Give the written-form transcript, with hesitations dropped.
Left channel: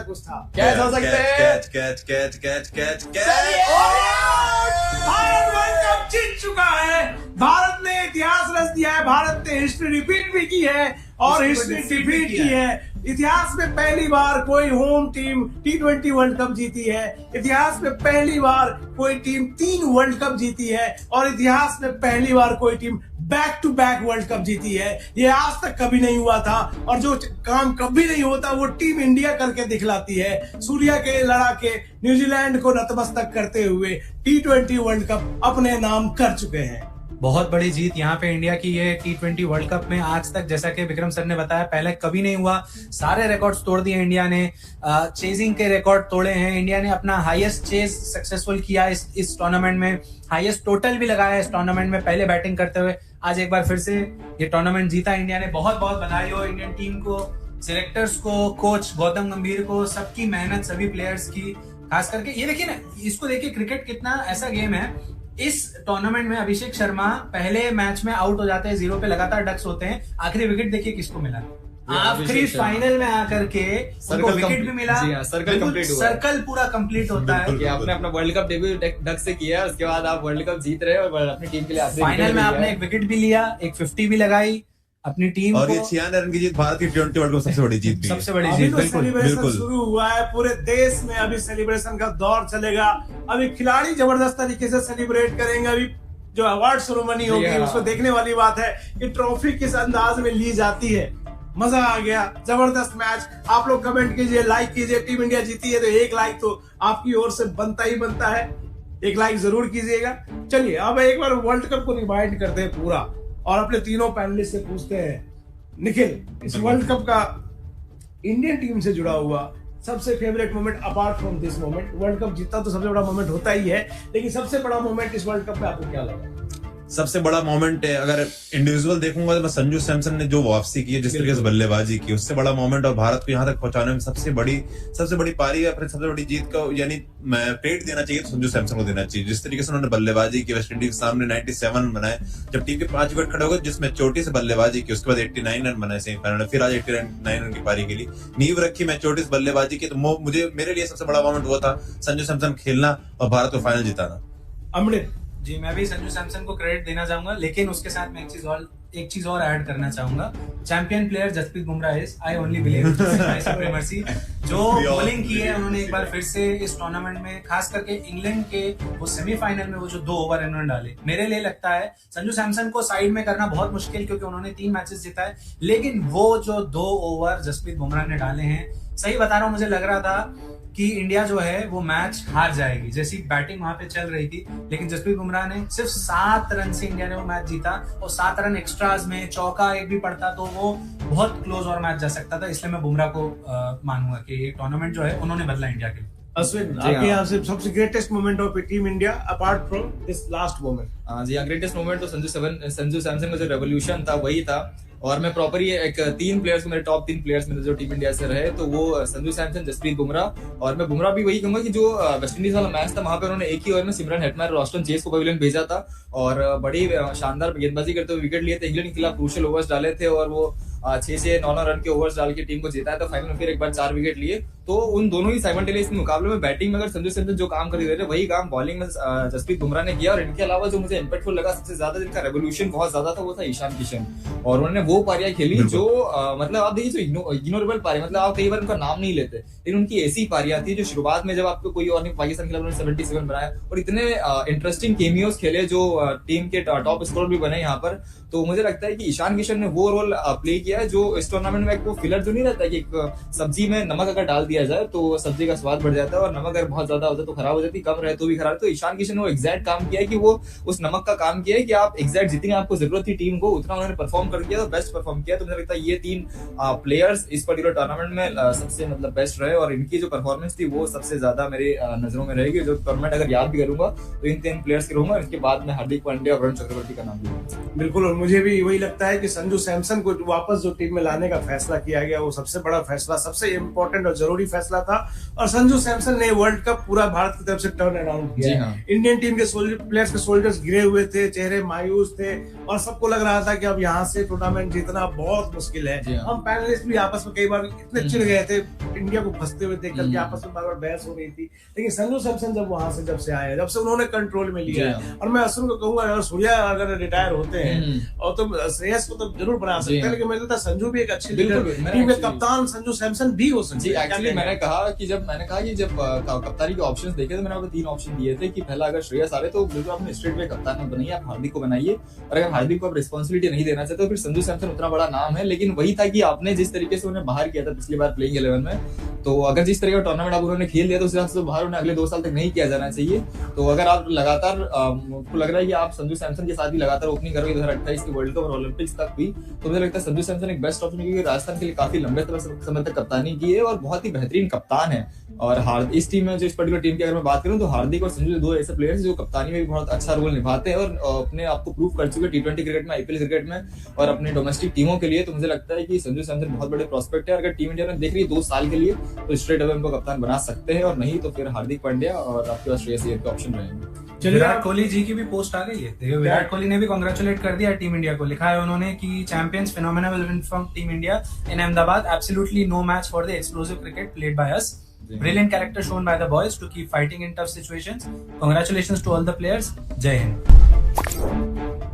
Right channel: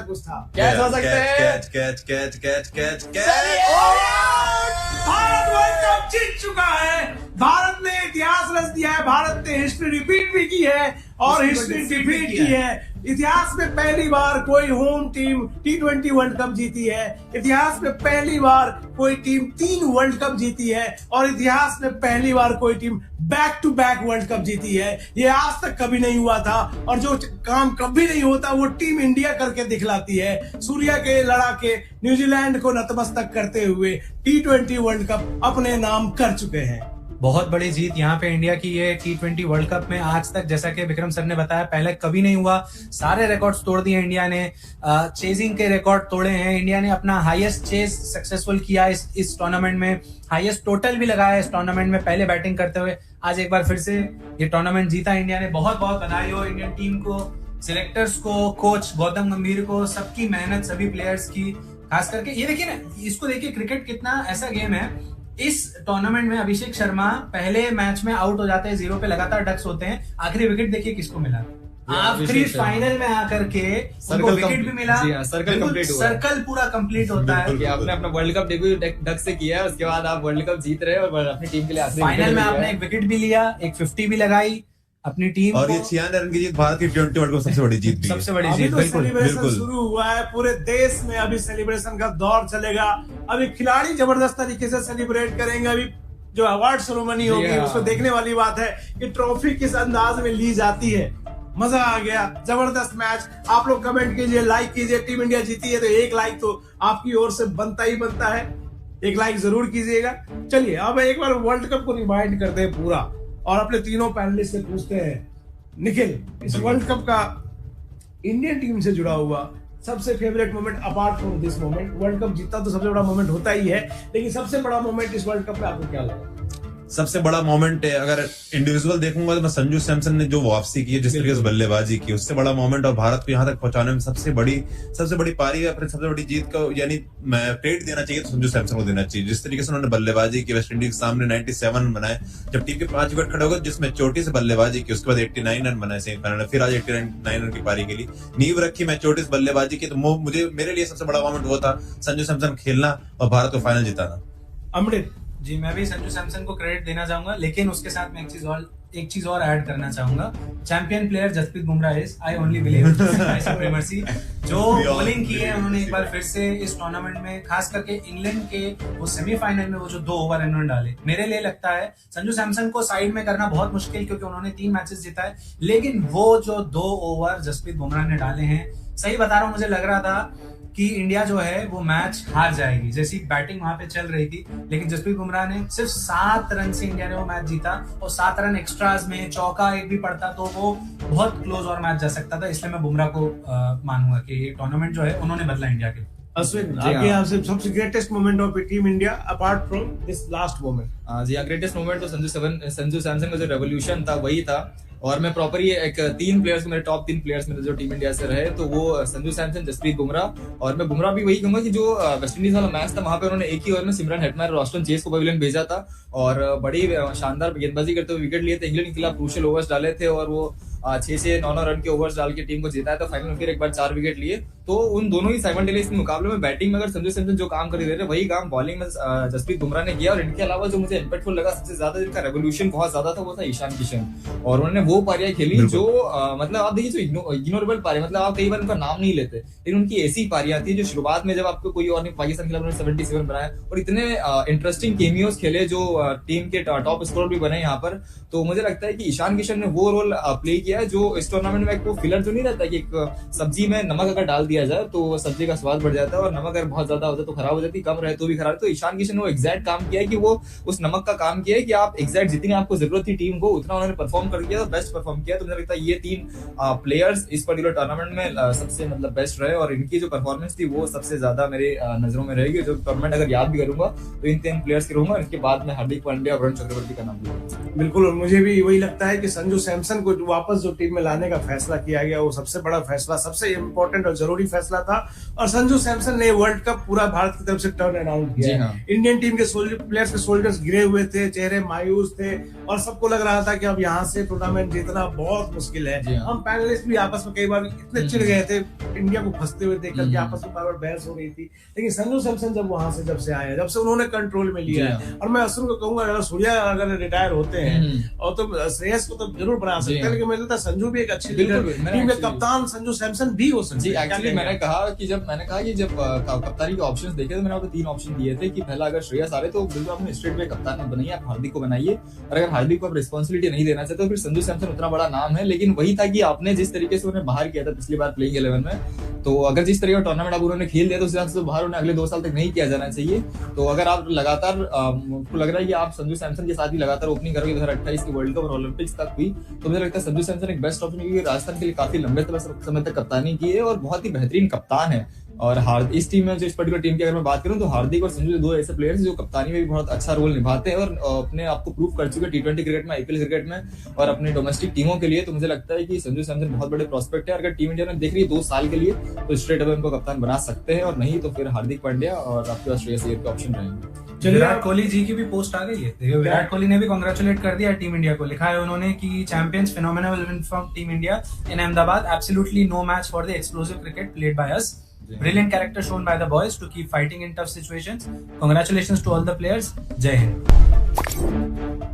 कुछ था। कैच हो सकते हैं। भारत वर्ल्ड कप जीत चुका है। भारत ने इतिहास रच दिया है। भारत ने हिस्ट्री रिपीट भी की है और हिस्ट्री रिपीट की है। इतिहास में पहली बार कोई home team T20 world cup जीती है। इतिहास में पहली बार कोई टीम 3 वर्ल्ड कप जीती है और इतिहास में पहली बार कोई team back to back world cup जीती है। ये आज तक कभी नहीं हुआ था और जो काम कभी नहीं होता वो टीम इंडिया करके दिखलाती है। सूर्या के लड़ा के न्यूजीलैंड को नतमस्तक करते हुए T20 वर्ल्ड कप अपने नाम कर चुके हैं। बहुत बड़ी जीत यहाँ पे इंडिया की ये T20 वर्ल्ड कप में। आज तक जैसा कि विक्रम सर ने बताया पहले कभी नहीं हुआ। सारे रिकॉर्ड्स तोड़ दिए इंडिया ने। चेजिंग के रिकॉर्ड तोड़े हैं। इंडिया ने अपना हाईएस्ट चेज सक्सेसफुल किया इस टूर्नामेंट में। हाईएस्ट टोटल भी लगाया इस टूर्नामेंट में पहले बैटिंग करते हुए। आज एक बार फिर से ये टूर्नामेंट जीता इंडिया ने। बहुत बहुत बधाई हो इंडियन टीम को, सिलेक्टर्स को, कोच गौतम गंभीर को, सबकी मेहनत, सभी प्लेयर्स की। खास करके ये देखिए ना, इसको देखिए क्रिकेट कितना ऐसा गेम है। इस टूर्नामेंट में अभिषेक शर्मा पहले मैच में आउट हो जाते हैं, 0 पे लगातार डक्स होते हैं। आखिरी विकेट देखिए किसको मिला, आखिरी फाइनल में आकर के उनको विकेट भी मिला। सर्कल कंप्लीट हुआ, सर्कल पूरा कंप्लीट होता है कि आपने अपना वर्ल्ड कप डेब्यू डक से किया, उसके बाद आप वर्ल्ड कप जीत रहे हो और अपनी टीम के लिए फाइनल में आपने एक विकेट भी लिया, एक 50 भी लगाई अपनी टीम और को। ये 96 रन की जीत भारत की T20 वर्ल्ड कप सबसे बड़ी जीत भी है। सबसे बड़ी अभी जीत, तो बिल्कुल सेलिब्रेशन बिल्कुल। शुरू हुआ है पूरे देश में। अभी सेलिब्रेशन का दौर चलेगा। अभी खिलाड़ी जबरदस्त तरीके से सेलिब्रेट करेंगे। अभी जो अवार्ड सेरेमनी होगी उसको देखने वाली बात है कि ट्रॉफी किस अंदाज में ली जाती है। मजा आ गया, जबरदस्त मैच। आप लोग कमेंट कीजिए, लाइक कीजिए। टीम इंडिया जीती है तो एक लाइक तो आपकी ओर से बनता ही बनता है। एक लाइक जरूर कीजिएगा। चलिए अब एक बार वर्ल्ड कप को रिवाइंड करते हैं पूरा और अपने तीनों पैनलिस्ट से पूछते हैं, निखिल, इस वर्ल्ड कप का इंडियन टीम से जुड़ा हुआ सबसे favourite moment apart from this moment. World cup जीता तो सबसे बड़ा मोमेंट होता ही है, लेकिन सबसे बड़ा मोमेंट इस वर्ल्ड कप में आपको क्या लगा? सबसे बड़ा मोमेंट है, अगर इंडिविजुअल देखूंगा तो मैं संजू सैमसन ने जो वापसी की है, जिस तरीके से बल्लेबाजी की, उससे बड़ा मोमेंट और भारत को यहाँ तक पहुंचाने में सबसे बड़ी पारी है, अपनी सबसे बड़ी जीत का यानी मैं क्रेडिट देना चाहिए तो संजू सैमसन को देना चाहिए। जिस तरीके से उन्होंने बल्लेबाजी की, वेस्ट इंडीज के सामने 97 रन बनाए, जब टीम के 5 विकेट खड़े हो गए, जिसमें चोटी से बल्लेबाजी की, उसके बाद 89 रन बनाए सेमीफाइनल में, फिर आज 89 रन की पारी के लिए नींव रखी। मैं चोटी से बल्लेबाजी की तो मेरे लिए सबसे बड़ा मोमेंट वो था संजू सैमसन खेलना और भारत को फाइनल जिताना। अमृत जी, मैं भी संजू सैमसन को क्रेडिट देना चाहूंगा, लेकिन उसके साथ में एक चीज और ऐड करना चाहूंगा। Champion player Jasprit Bumrah is, I only believe, supremacy. जो बॉलिंग की है उन्होंने एक बार फिर से इस टूर्नामेंट में, खास करके इंग्लैंड के वो सेमीफाइनल में वो जो 2 ओवर इन्होंने डाले, मेरे लिए लगता है संजू सैमसन को साइड में करना बहुत मुश्किल, क्योंकि उन्होंने 3 मैचेस जीता है। लेकिन वो जो 2 ओवर जसप्रीत बुमराह ने डाले हैं, सही बता रहा हूँ, मुझे लग रहा था कि इंडिया जो है वो मैच हार जाएगी, जैसी बैटिंग वहां पे चल रही थी। लेकिन जसप्रीत बुमराह ने सिर्फ 7 रन से इंडिया ने वो मैच जीता और 7 रन एक्स्ट्राज में चौका एक भी पड़ता तो वो बहुत क्लोज और मैच जा सकता था। इसलिए मैं बुमराह को मानूंगा कि ये टूर्नामेंट जो है उन्होंने बदला इंडिया के लिए। अश्विन, आपके यहाँ से सबसे greatest moment of team India apart from this last moment? जी हाँ, ग्रेटेस्ट मोमेंट तो संजू सैमसन का जो रेवोल्यूशन था वही था। और मैं प्रॉपर ये एक 3 प्लेयर्स, मेरे टॉप 3 प्लेयर्स में जो टीम इंडिया से रहे तो वो संजू सैमसन, जसप्रीत बुमराह। और मैं बुमराह भी वही कहूंगा कि जो वेस्ट इंडीज वाला मैच था वहां पे उन्होंने एक ही ओवर में सिमरन हेटमायर और ऑस्टन चेस को पवेलियन भेजा था और बड़ी शानदार गेंदबाजी करते हुए विकेट लिए थे। इंग्लैंड के खिलाफ क्रूशियल ओवर्स डाले थे और वो 6 से 9 रन के ओवर्स डाल के टीम को जीता है। तो फाइनल में फिर एक बार 4 विकेट लिए। तो उन दोनों ही साइमल्टेनियस मुकाबले में बैटिंग में अगर संजू सैमसन जो काम कर रहे थे वही काम बॉलिंग में जसप्रीत बुमराह ने किया। और इनके अलावा जो मुझे इम्पैक्टफुल लगा सबसे ज्यादा, जिनका रेवोल्यूशन बहुत ज्यादा था, वो था ईशान किशन। और उन्होंने वो पारियां खेली जो मतलब आप देखिए जो इग्नोरेबल पारी, मतलब आप कई बार उनका नाम नहीं लेते, लेकिन उनकी ऐसी पारियां थी जो शुरुआत में जब आपको कोई और नहीं, पाकिस्तान के खिलाफ 77 बनाया और इतने इंटरेस्टिंग केमियोस खेले जो टीम के टॉप स्कोर भी बने यहाँ पर। तो मुझे लगता है कि ईशान किशन ने वो रोल प्ले किया है जो इस टूर्नामेंट में एक वो फिलर जो नहीं रहता कि एक सब्जी में नमक अगर डाल दिया जाए तो सब्जी का स्वाद बढ़ जाता है और नमक अगर बहुत ज्यादा हो जाए तो खराब हो जाती है, कम रहे तो भी खराब। तो ईशान किशन ने वो एग्जैक्ट काम किया है कि वो उस नमक का काम किया है कि आप एग्जैक्ट जितनी आपको जरूरत थी टीम को उतना उन्होंने परफॉर्म कर दिया, तो बेस्ट परफॉर्म किया। तो मुझे लगता है ये 3 प्लेयर्स इस पर्टिकुलर टूर्नामेंट में सबसे मतलब बेस्ट रहे और इनकी जो परफॉर्मेंस थी वो सबसे ज्यादा मेरी नजरों में रहेगी। जो टूर्नामेंट अगर याद भी करूंगा तो इन 3 प्लेयर्स के रहूंगा। इसके बाद में हार्दिक पांड्या और वरुण चक्रवर्ती का नाम लूंगा। बिल्कुल, और मुझे भी वही लगता है कि संजू सैमसन को वापस जो टीम में लाने का फैसला किया गया वो सबसे बड़ा फैसला, सबसे इम्पोर्टेंट और जरूरी फैसला था। और संजू सैमसन ने वर्ल्ड कप पूरा भारत की तरफ से टर्न अराउंड किया। जी हाँ। इंडियन टीम के प्लेयर्स के शोल्डर्स गिरे हुए थे, चेहरे मायूस थे और सबको लग रहा था कि अब यहाँ से टूर्नामेंट जीतना बहुत मुश्किल है। जी हाँ। हम पैनलिस्ट भी आपस में कई बार इतने चिढ़ गए थे इंडिया को फंसते हुए देख करके, आपस में बार बार बहस हो रही थी। लेकिन संजू सैमसन जब से आए, जब से उन्होंने कंट्रोल में लिया है, और मैं अश्विन को कहूंगा अगर सूर्या अगर रिटायर होते हैं और तो श्रेयस को तो जरूर बना सकते हैं, लेकिन मुझे लगता है संजू भी एक अच्छी लीडर, टीम के कप्तान संजू सैमसन भी हो सकते जी। हैं। एक्चुअली मैंने कहा कि जब कप्तानी के ऑप्शंस देखे तो मैंने आपको 3 ऑप्शन दिए थे कि पहला अगर श्रेयस आ रहे तो बिल्कुल आपने स्ट्रेट वे कप्तान मत बनाइए, आप हार्दिक को बनाइए, और अगर हार्दिक को आप रिस्पॉन्सिबिलिटी नहीं देना चाहते तो फिर संजू सैमसन उतना बड़ा नाम है। लेकिन वही था कि आपने जिस तरीके से उन्हें बाहर किया था पिछली बार प्लेइंग 11 में, तो अगर जिस तरह का टूर्नामेंट आप उन्होंने खेल लिया तो उस हिसाब से बाहर उन्हें अगले 2 साल तक नहीं किया जाना चाहिए। तो अगर आप लगातार आपको लग रहा है कि आप संजू सैमसन के साथ भी लगातार ओपनिंग करोगे 2028 के वर्ल्ड कप और ओलंपिक्स तक भी, तो मुझे लगता है संजू सैमसन एक बेस्ट ऑप्शन, क्योंकि राजस्थान के लिए काफी लंबे समय तक कप्तानी की है और बहुत ही बेहतरीन कप्तान है। और इस टीम में जो इस पर्टिकुलर टीम की अगर मैं बात करूं तो हार्दिक और संजू 2 ऐसे प्लेयर्स जो कप्तानी में भी बहुत अच्छा रोल निभाते हैं और अपने आप को प्रूव कर चुके T20 क्रिकेट में, IPL क्रिकेट में और अपने डोमेस्टिक टीमों के लिए। तो मुझे लगता है कि संजू सैमसन बहुत बड़े प्रोस्पेक्ट है। अगर टीम इंडिया में देख रही है 2 साल के लिए तो स्ट्रेट अवे उनको कप्तान बना सकते हैं, और नहीं तो फिर हार्दिक पांड्या और आपके पास श्रेयस अय्यर के ऑप्शन रहेंगे। विराट कोहली जी की भी पोस्ट आ गई है। देखिए विराट कोहली ने भी कांग्रेचुलेट कर दिया टीम इंडिया को। लिखा है उन्होंने कि champions phenomena will win from team India in Ahmedabad, absolutely no match for the explosive cricket played by us, brilliant character shown by the boys to keep fighting in tough situations, congratulations to all the players, jai hind।